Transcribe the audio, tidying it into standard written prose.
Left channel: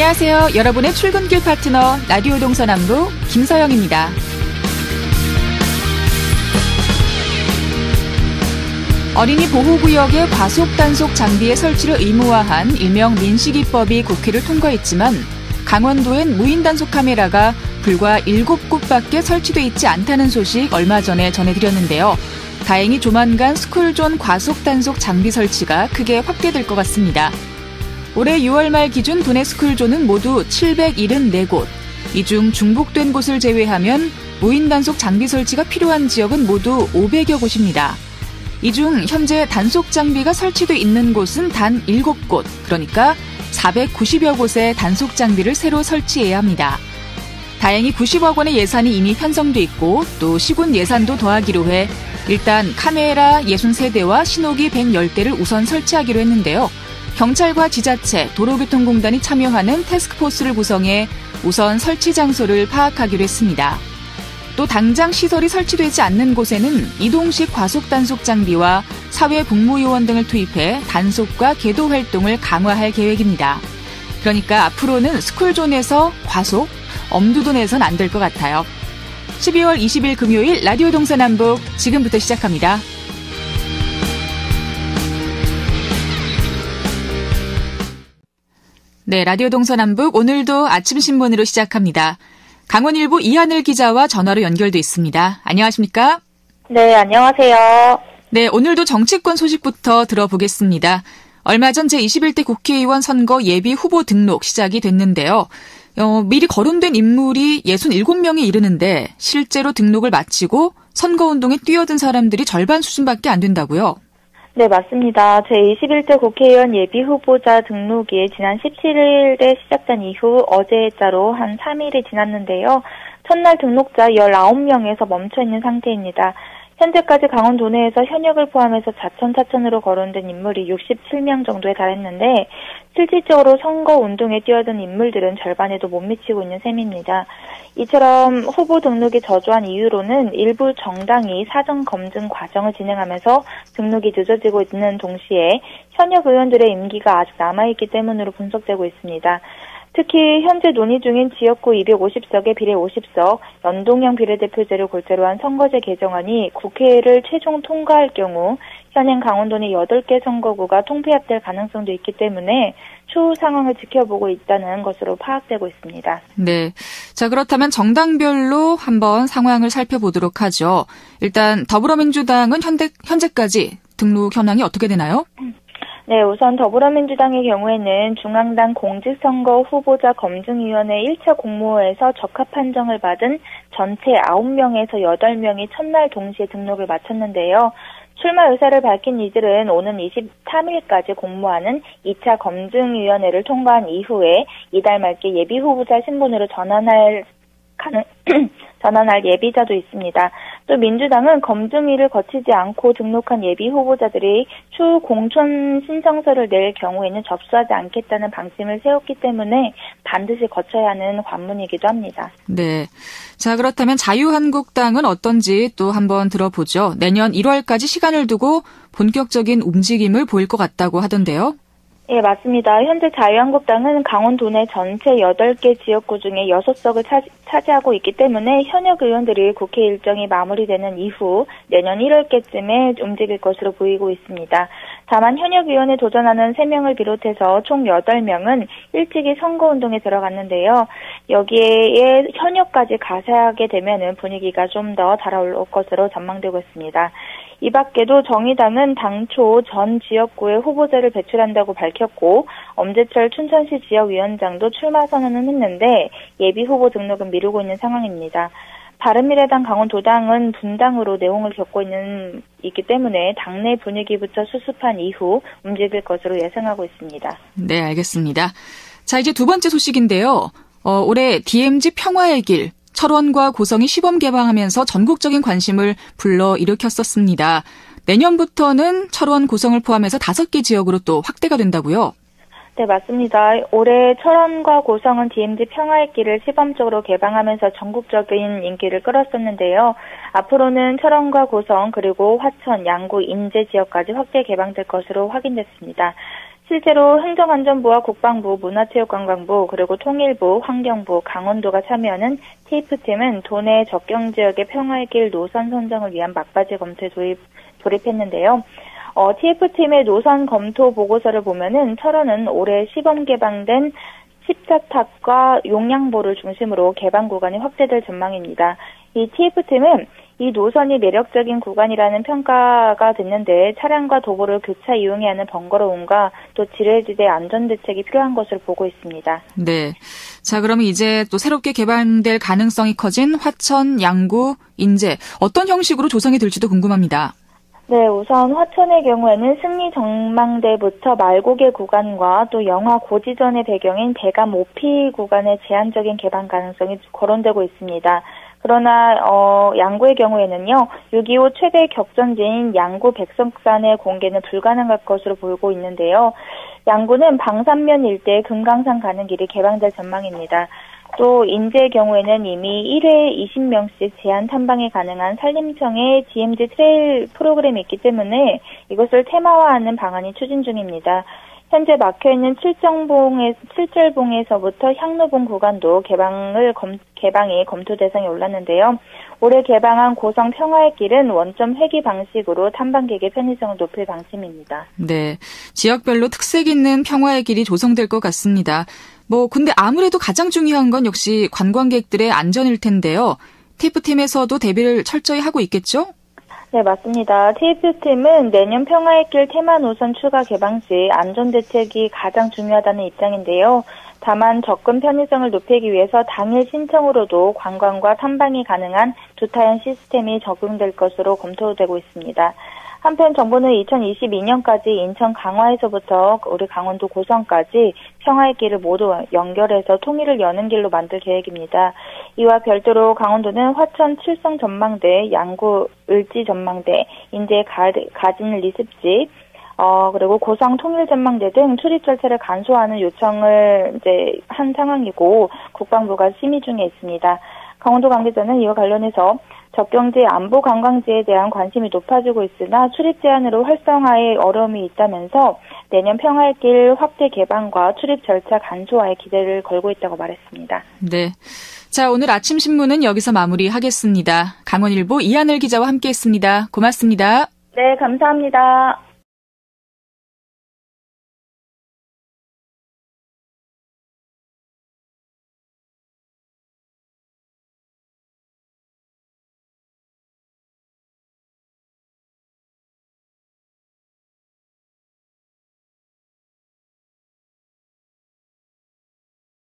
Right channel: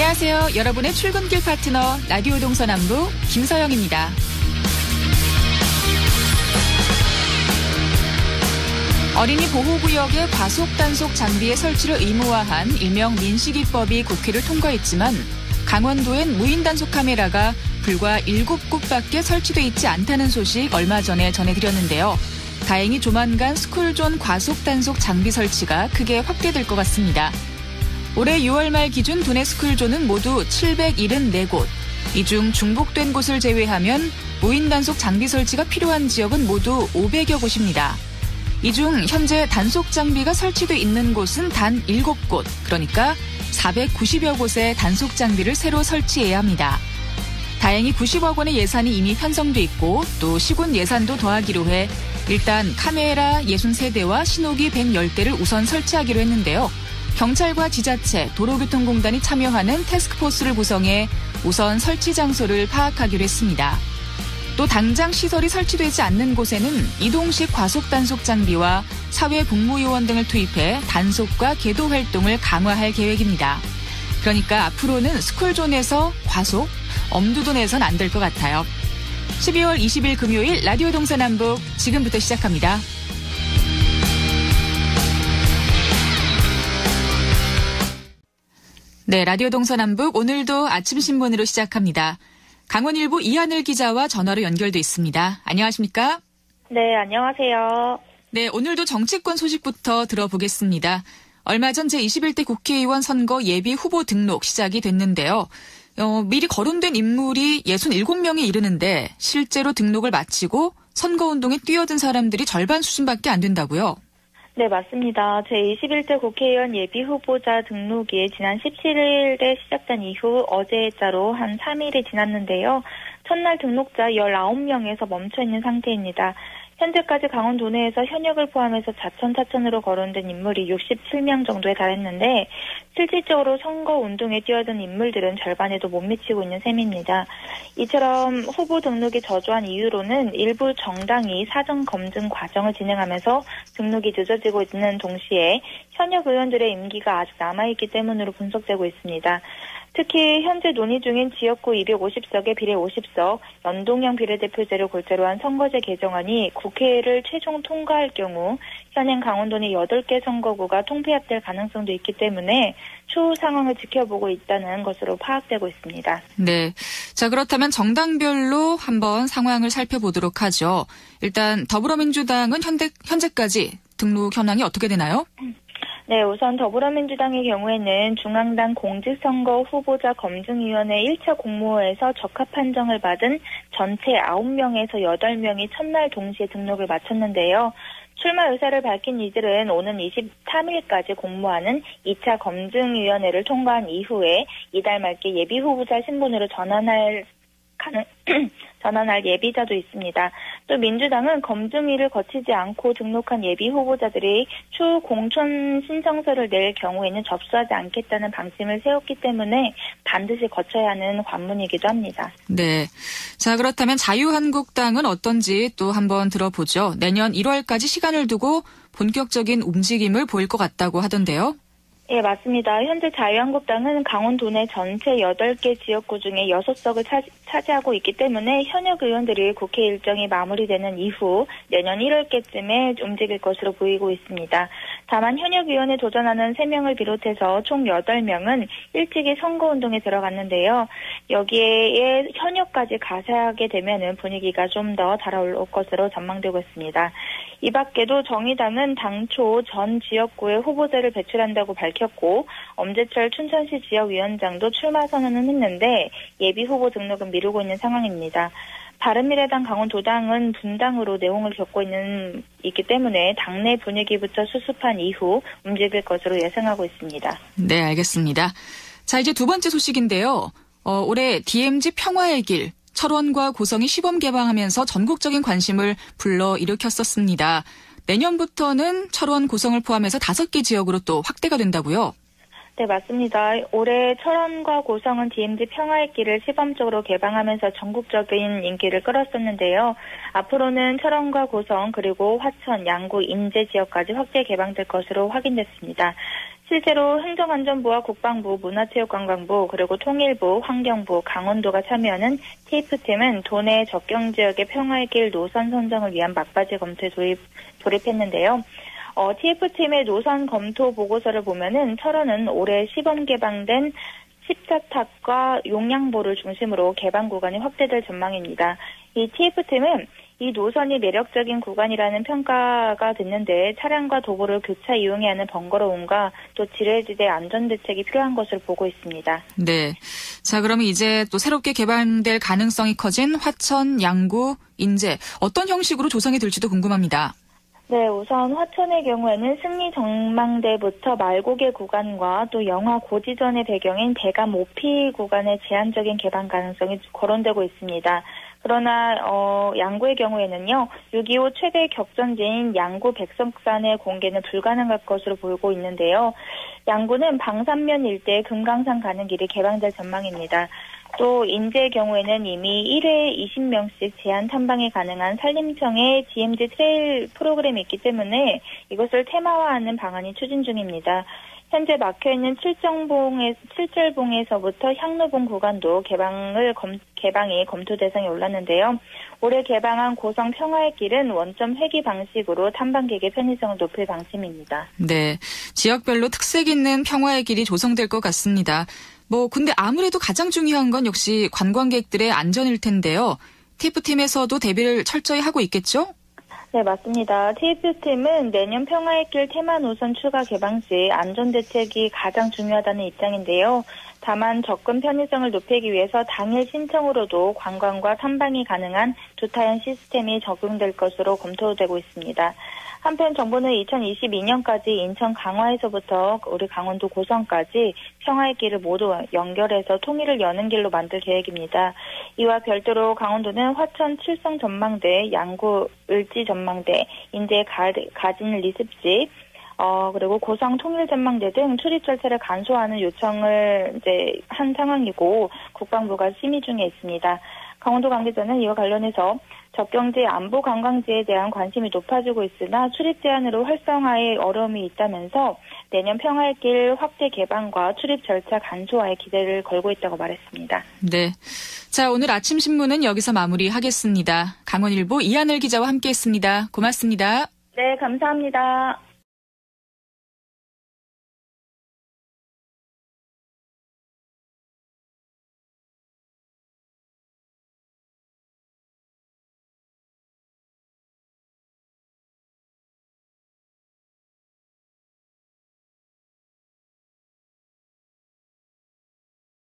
안녕하세요. 여러분의 출근길 파트너 라디오 동서남북 김서영입니다. 어린이 보호구역의 과속 단속 장비의 설치를 의무화한 일명 민식이법이 국회를 통과했지만 강원도엔 무인 단속 카메라가 불과 7곳밖에 설치돼 있지 않다는 소식 얼마 전에 전해드렸는데요. 다행히 조만간 스쿨존 과속 단속 장비 설치가 크게 확대될 것 같습니다. 올해 6월 말 기준 도내 스쿨존은 모두 774곳. 이 중 중복된 곳을 제외하면 무인 단속 장비 설치가 필요한 지역은 모두 500여 곳입니다. 이 중 현재 단속 장비가 설치돼 있는 곳은 단 7곳, 그러니까 490여 곳의 단속 장비를 새로 설치해야 합니다. 다행히 90억 원의 예산이 이미 편성돼 있고 또 시군 예산도 더하기로 해 일단 카메라 63대와 신호기 110대를 우선 설치하기로 했는데요. 경찰과 지자체, 도로교통공단이 참여하는 태스크포스를 구성해 우선 설치 장소를 파악하기로 했습니다. 또 당장 시설이 설치되지 않는 곳에는 이동식 과속 단속 장비와 사회 복무요원 등을 투입해 단속과 계도 활동을 강화할 계획입니다. 그러니까 앞으로는 스쿨존에서 과속, 엄두도 내선 안 될 것 같아요. 12월 20일 금요일 라디오 동서남북 지금부터 시작합니다. 네, 라디오 동서남북 오늘도 아침 신문으로 시작합니다. 강원일보 이하늘 기자와 전화로 연결돼 있습니다. 안녕하십니까? 네, 안녕하세요. 네, 오늘도 정치권 소식부터 들어보겠습니다. 얼마 전 제21대 국회의원 선거 예비 후보 등록 시작이 됐는데요. 미리 거론된 인물이 67명에 이르는데 실제로 등록을 마치고 선거운동에 뛰어든 사람들이 절반 수준밖에 안 된다고요? 네, 맞습니다. 제21대 국회의원 예비 후보자 등록이 지난 17일에 시작된 이후 어제자로 한 3일이 지났는데요. 첫날 등록자 19명에서 멈춰있는 상태입니다. 현재까지 강원도 내에서 현역을 포함해서 자천으로 거론된 인물이 67명 정도에 달했는데 실질적으로 선거운동에 뛰어든 인물들은 절반에도 못 미치고 있는 셈입니다. 이처럼 후보 등록이 저조한 이유로는 일부 정당이 사전 검증 과정을 진행하면서 등록이 늦어지고 있는 동시에 현역 의원들의 임기가 아직 남아있기 때문으로 분석되고 있습니다. 특히 현재 논의 중인 지역구 250석의 비례 50석, 연동형 비례대표제를 골자로 한 선거제 개정안이 국회를 최종 통과할 경우 현행 강원도 내 8개 선거구가 통폐합될 가능성도 있기 때문에 추후 상황을 지켜보고 있다는 것으로 파악되고 있습니다. 네. 자, 그렇다면 정당별로 한번 상황을 살펴보도록 하죠. 일단 더불어민주당은 현재까지 등록 현황이 어떻게 되나요? 네, 우선 더불어민주당의 경우에는 중앙당 공직선거 후보자 검증위원회 1차 공모에서 적합 판정을 받은 전체 9명에서 8명이 첫날 동시에 등록을 마쳤는데요. 출마 의사를 밝힌 이들은 오는 23일까지 공모하는 2차 검증위원회를 통과한 이후에 이달 말께 예비 후보자 신분으로 전환할 예비자도 있습니다. 또 민주당은 검증위를 거치지 않고 등록한 예비 후보자들이 추후 공천 신청서를 낼 경우에는 접수하지 않겠다는 방침을 세웠기 때문에 반드시 거쳐야 하는 관문이기도 합니다. 네. 자, 그렇다면 자유한국당은 어떤지 또 한번 들어보죠. 내년 1월까지 시간을 두고 본격적인 움직임을 보일 것 같다고 하던데요. 예, 맞습니다. 현재 자유한국당은 강원도 내 전체 8개 지역구 중에 6석을 차지하고 있기 때문에 현역 의원들이 국회 일정이 마무리되는 이후 내년 1월께쯤에 움직일 것으로 보이고 있습니다. 다만 현역 의원에 도전하는 3명을 비롯해서 총 8명은 일찍이 선거운동에 들어갔는데요. 여기에 현역까지 가세하게 되면 분위기가 좀 더 달아올 것으로 전망되고 있습니다. 이 밖에도 정의당은 당초 전 지역구에 후보자를 배출한다고 밝혔고 엄재철 춘천시 지역위원장도 출마 선언은 했는데 예비 후보 등록은 미루고 있는 상황입니다. 바른미래당 강원도당은 분당으로 내홍을 겪고 있기 때문에 당내 분위기부터 수습한 이후 움직일 것으로 예상하고 있습니다. 네, 알겠습니다. 자, 이제 두 번째 소식인데요. 올해 DMZ 평화의 길, 철원과 고성이 시범 개방하면서 전국적인 관심을 불러일으켰었습니다. 내년부터는 철원, 고성을 포함해서 5개 지역으로 또 확대가 된다고요? 네, 맞습니다. 올해 철원과 고성은 DMZ 평화의 길을 시범적으로 개방하면서 전국적인 인기를 끌었었는데요. 앞으로는 철원과 고성 그리고 화천, 양구, 인제 지역까지 확대 개방될 것으로 확인됐습니다. 실제로 행정안전부와 국방부, 문화체육관광부, 그리고 통일부, 환경부, 강원도가 참여하는 TF팀은 도내 접경지역의 평화의 길 노선 선정을 위한 막바지 검토에 돌입했는데요. TF팀의 노선 검토 보고서를 보면은 철원은 올해 시범 개방된 14탑과 용량보를 중심으로 개방 구간이 확대될 전망입니다. 이 TF팀은 이 노선이 매력적인 구간이라는 평가가 됐는데 차량과 도보를 교차 이용해야 하는 번거로움과 또 지뢰지대 안전대책이 필요한 것으로 보고 있습니다. 네. 자, 그러면 이제 또 새롭게 개발될 가능성이 커진 화천, 양구, 인제 어떤 형식으로 조성이 될지도 궁금합니다. 네, 우선 화천의 경우에는 승리 전망대부터 말고개 구간과 또 영화 고지전의 배경인 대감 오피 구간의 제한적인 개방 가능성이 거론되고 있습니다. 그러나 양구의 경우에는요. 6.25 최대 격전지인 양구 백석산의 공개는 불가능할 것으로 보이고 있는데요. 양구는 방산면 일대 금강산 가는 길이 개방될 전망입니다. 또 인제의 경우에는 이미 1회에 20명씩 제한 탐방이 가능한 산림청의 DMZ 트레일 프로그램이 있기 때문에 이것을 테마화하는 방안이 추진 중입니다. 현재 막혀있는 칠절봉에서부터 향로봉 구간도 개방이 검토 대상에 올랐는데요. 올해 개방한 고성 평화의 길은 원점 회귀 방식으로 탐방객의 편의성을 높일 방침입니다. 네, 지역별로 특색 있는 평화의 길이 조성될 것 같습니다. 근데 아무래도 가장 중요한 건 역시 관광객들의 안전일 텐데요. TF팀에서도 대비를 철저히 하고 있겠죠? 네, 맞습니다. TF팀은 내년 평화의 길 테마 노선 추가 개방 시 안전대책이 가장 중요하다는 입장인데요. 다만 접근 편의성을 높이기 위해서 당일 신청으로도 관광과 탐방이 가능한 두타연 시스템이 적용될 것으로 검토되고 있습니다. 한편 정부는 2022년까지 인천 강화에서부터 우리 강원도 고성까지 평화의 길을 모두 연결해서 통일을 여는 길로 만들 계획입니다. 이와 별도로 강원도는 화천 칠성 전망대, 양구 을지 전망대, 인제 가진 리습지, 그리고 고성 통일 전망대 등 출입 절차를 간소화하는 요청을 이제 한 상황이고 국방부가 심의 중에 있습니다. 강원도 관계자는 이와 관련해서 접경지 안보 관광지에 대한 관심이 높아지고 있으나 출입 제한으로 활성화에 어려움이 있다면서 내년 평화의 길 확대 개방과 출입 절차 간소화에 기대를 걸고 있다고 말했습니다. 네. 자, 오늘 아침 신문은 여기서 마무리하겠습니다. 강원일보 이하늘 기자와 함께했습니다. 고맙습니다. 네, 감사합니다.